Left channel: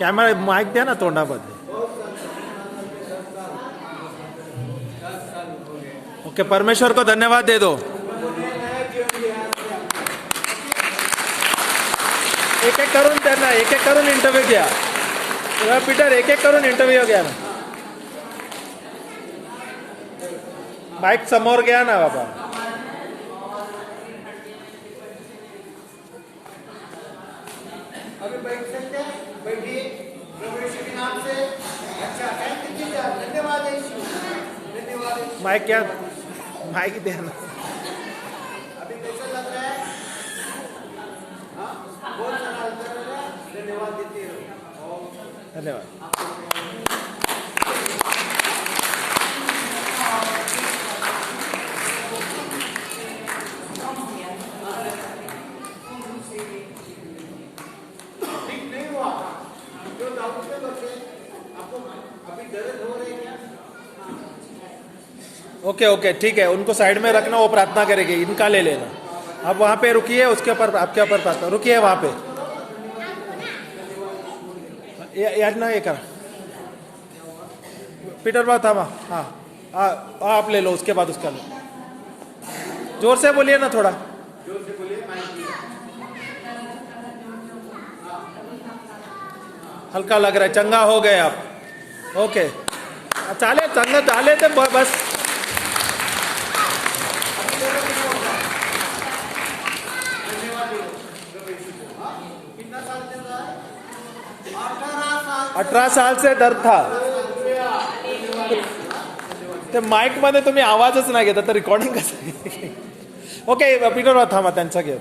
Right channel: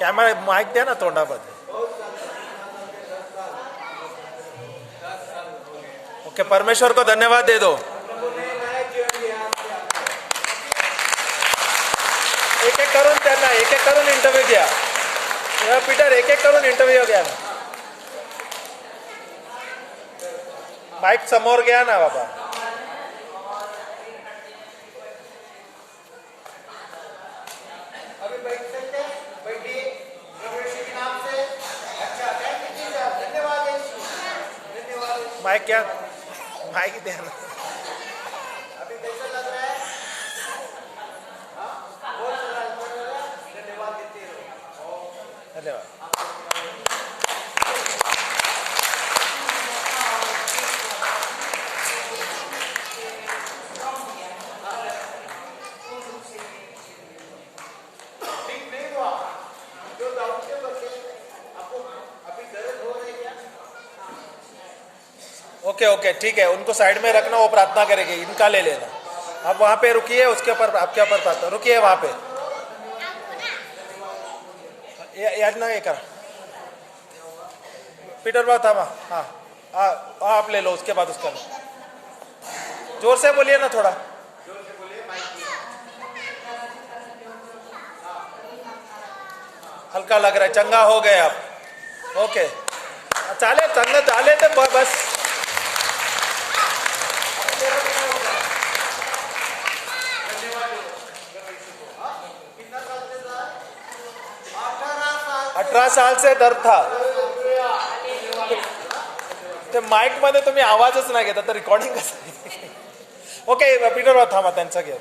Camera mike द्या ना तोंडामध्ये. Okay, परमेश्वर को धन्यवाद दे दो. एक एक करून त्यांना एक एक करून इंटरव्ह्यू द्या. पीटर एक एक करून इंटरव्ह्यू घ्या. माईक समोर घ्या ना बाबा. अभी बैठ सकते हैं, बैठिए. प्रभु यीशु के नाम से. अच्छा, थैंक यू जीसस. धन्यवाद यीशु, धन्यवाद. माइक क्या, माइक देना. अभी कैसा लग रहा है? हाँ, बहुत सारा लग रहा है. धन्यवाद देते रहो. धन्यवाद. ठीक नहीं हुआ जो दाऊद के करते आपको अभी दर्द हो रही है. ओके ओके ठीक है, उनको साइड में रखना, वो प्रार्थना करेंगे. इनका ले लेना. आप वहां पे रुकिए, उसके ऊपर आपके ऊपर प्रार्थना. रुकिए वहां पे. याद ना ये करा. पीटर बात था वहाँ. हाँ आप ले लो, उसके बाद उसका लो. जोर से बोलिए ना, थोड़ा जोर से बोलिए. माइक हल्का लग रहा है. चंगा हो गए आप. ओके, चाले चंगा चाले तो बस. कितना साल से था? 18 साल से दर्द था. ते माईक मध्ये तुम्ही आवाजच नाही घेता तर रिकॉर्डिंग कसं. ओके, पीटर बात थांबा, त्यांचा घ्या.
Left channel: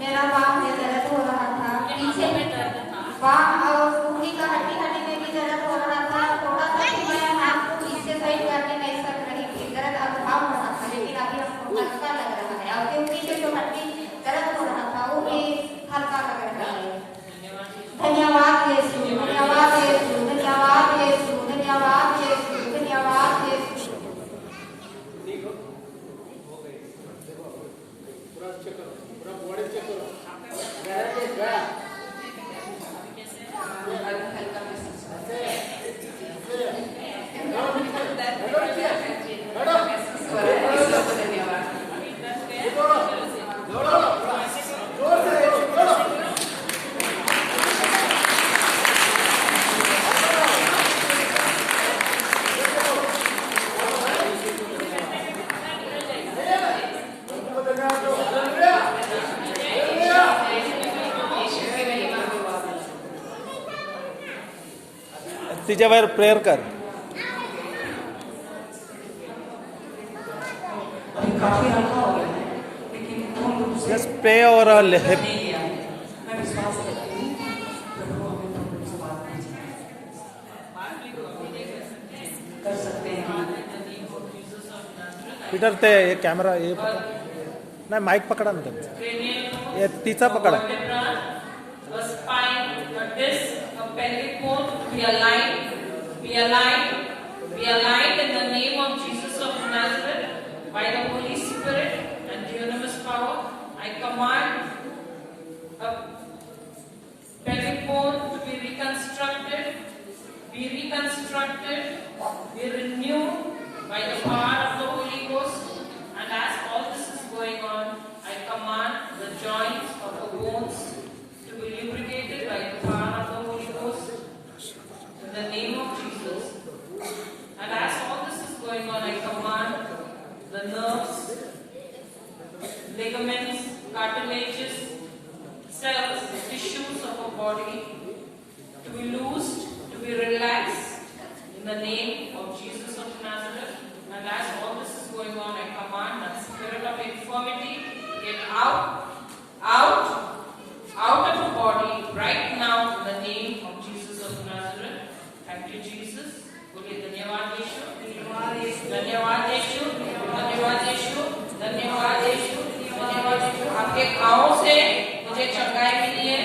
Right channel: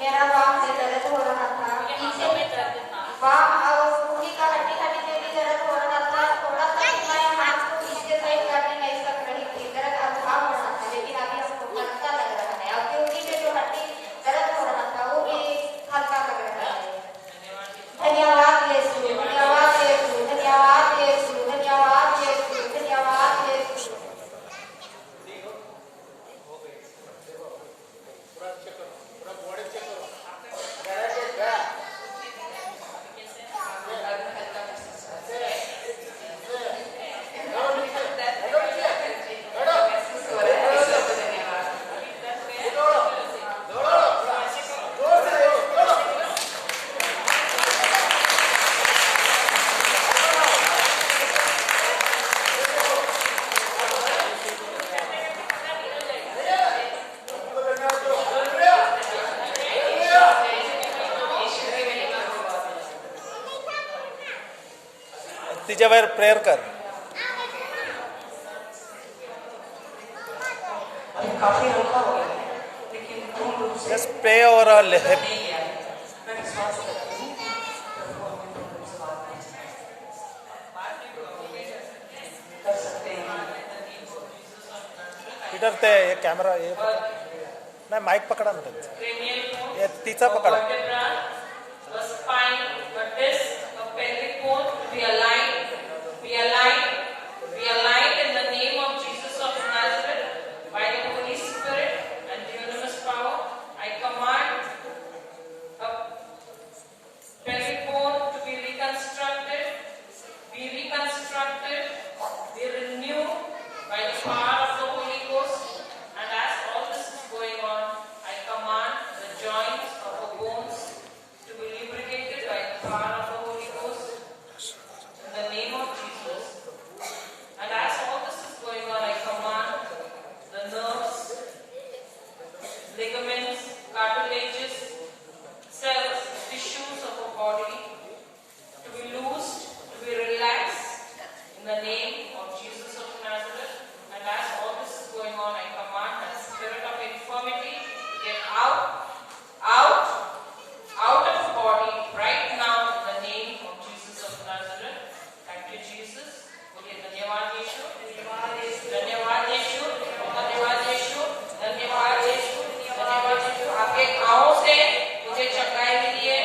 मेरा बाम में दर्द हो रहा था, पीछे में दर्द था, बाम और उंगली का हड्डी में भी दर्द हो रहा था. थोड़ा सा मैं हाथ को पीछे साइड करने नहीं कर रही थी. दर्द अब भाव हो रहा था, लेकिन अभी हमको हल्का लग रहा है. और पीछे जो हड्डी दर्द हो रहा था वो भी हल्का लग रहा है. धन्यवाद यीशु, धन्यवाद यीशु, धन्यवाद यीशु, धन्यवाद यीशु, धन्यवाद यीशु. पूरा बॉडी चेक करो. गया के गया. तिच्यावर प्रेयर कर. काफी हल्का हो गया है, लेकिन तुम लोग से जस्ट प्रे और मैं विश्वास करती हूँ प्रभु अपने तुम लोग से बात कर सकते हैं. पीटर ते ये कॅमेरा ये नाही, माईक पकडा ना त्यांचा. ये तिचा पकडा. Be aligned in the name of Jesus of Nazareth by the Holy Spirit and dunamis power. I command a belly bone to be reconstructed, be renewed by the power of the Holy Ghost. And as all this is going on, I command the joints of the bones to be lubricated by the power of the Holy Ghost. In the name of Jesus. And as all this is going on, I command the nerves, ligaments, cartilages, cells, tissues of our body to be loosed, to be relaxed in the name of Jesus of Nazareth. And as all this is going on, I command that spirit of infirmity to get out of the body right now in the name of Jesus of Nazareth. Thank you, Jesus. बोलिए धन्यवाद यीशु, धन्यवाद यीशु, धन्यवाद यीशु, धन्यवाद यीशु, धन्यवाद यीशु, धन्यवाद यीशु. आपके घावों से मुझे चंगाई मिली है.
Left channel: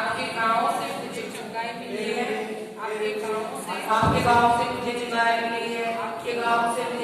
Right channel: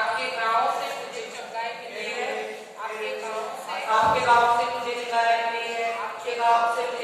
आपके घावों से मुझे चंगाई मिली है. आपके घावों से मुझे चंगाई मिली है. आपके घावों से मुझे